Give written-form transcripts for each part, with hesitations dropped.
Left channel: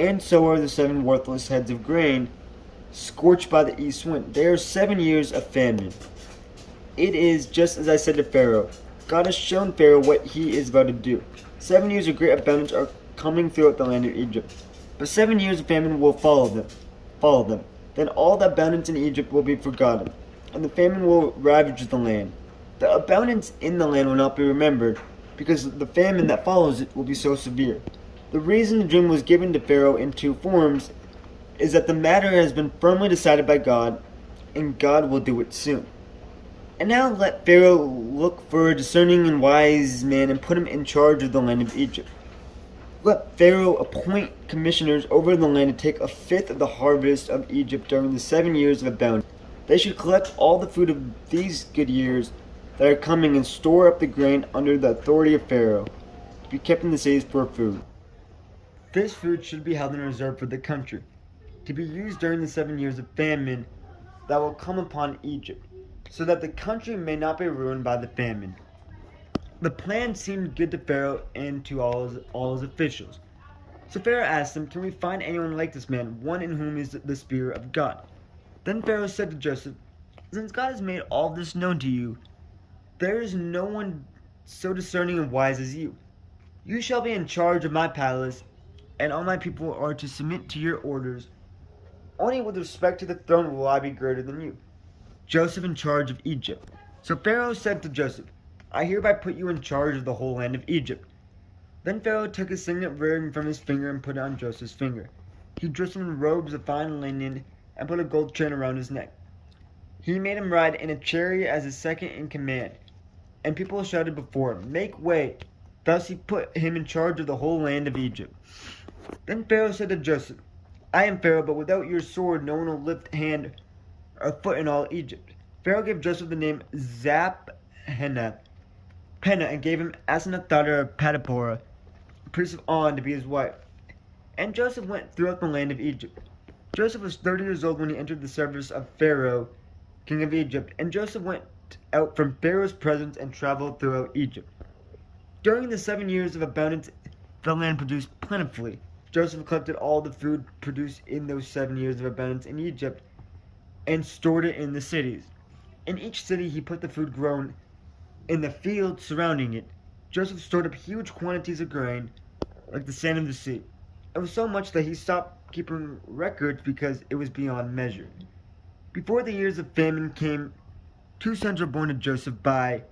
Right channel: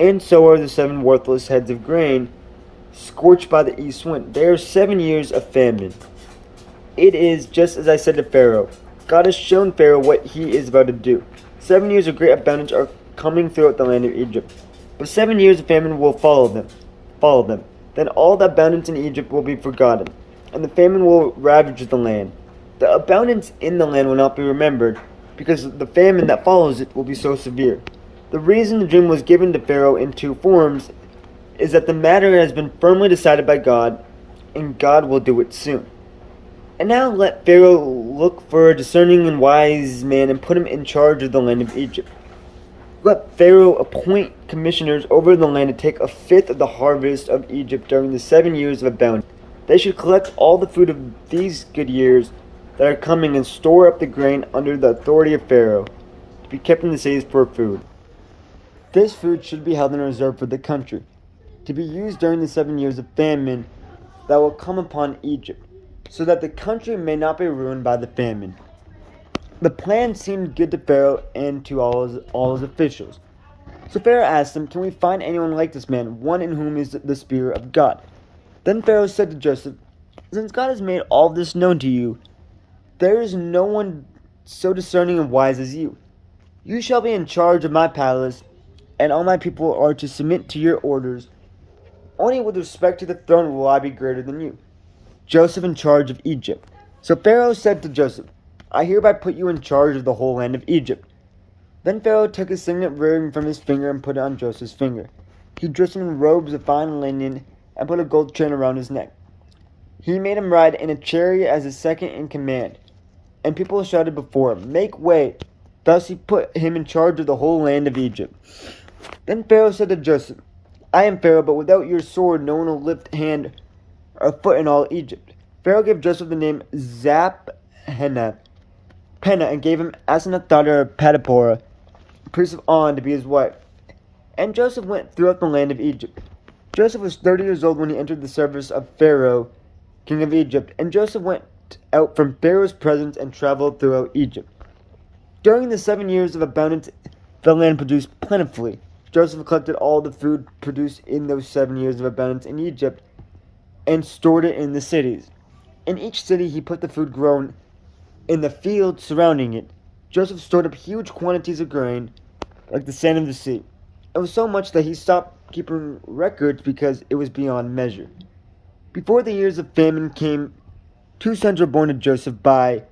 and so are the 7 worthless heads of grain scorched by the east wind. There are 7 years of famine. It is just as I said to Pharaoh. God has shown Pharaoh what he is about to do. 7 years of great abundance are coming throughout the land of Egypt. But 7 years of famine will follow them. Then all the abundance in Egypt will be forgotten, and the famine will ravage the land. The abundance in the land will not be remembered, because the famine that follows it will be so severe. The reason the dream was given to Pharaoh in 2 forms is that the matter has been firmly decided by God, and God will do it soon. And now let Pharaoh look for a discerning and wise man and put him in charge of the land of Egypt. Let Pharaoh appoint commissioners over the land to take 1/5 of the harvest of Egypt during the 7 years of abundance. They should collect all the food of these good years that are coming and store up the grain under the authority of Pharaoh, to be kept in the cities for food. This food should be held in reserve for the country, to be used during the 7 years of famine that will come upon Egypt, so that the country may not be ruined by the famine. The plan seemed good to Pharaoh and to all his officials. So Pharaoh asked them, "Can we find anyone like this man, one in whom is the Spirit of God?" Then Pharaoh said to Joseph, "Since God has made all this known to you, there is no one so discerning and wise as you. You shall be in charge of my palace, and all my people are to submit to your orders. Only with respect to the throne will I be greater than you." Joseph in charge of Egypt. So Pharaoh said to Joseph, "I hereby put you in charge of the whole land of Egypt." Then Pharaoh took his signet ring from his finger and put it on Joseph's finger. He dressed him in robes of fine linen and put a gold chain around his neck. He made him ride in a chariot as his second in command, and people shouted before him, "Make way!" Thus he put him in charge of the whole land of Egypt. Then Pharaoh said to Joseph, "I am Pharaoh, but without your sword no one will lift hand or foot in all Egypt." Pharaoh gave Joseph the name Zap-Penah, and gave him Asenath, daughter of Potipharah, priest of On, to be his wife. And Joseph went throughout the land of Egypt. Joseph was 30 years old when he entered the service of Pharaoh, king of Egypt, and Joseph went out from Pharaoh's presence and traveled throughout Egypt. During the 7 years of abundance, the land produced plentifully. Joseph collected all the food produced in those 7 years of abundance in Egypt and stored it in the cities. In each city he put the food grown in the fields surrounding it. Joseph stored up huge quantities of grain, like the sand of the sea. It was so much that he stopped keeping records because it was beyond measure. Before the years of famine came, 2 sons were born to Joseph by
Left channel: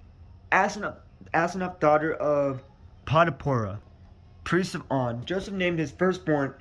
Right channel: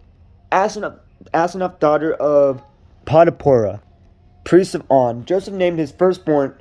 Asenath, daughter of Potipharah, priest of On. Joseph named his firstborn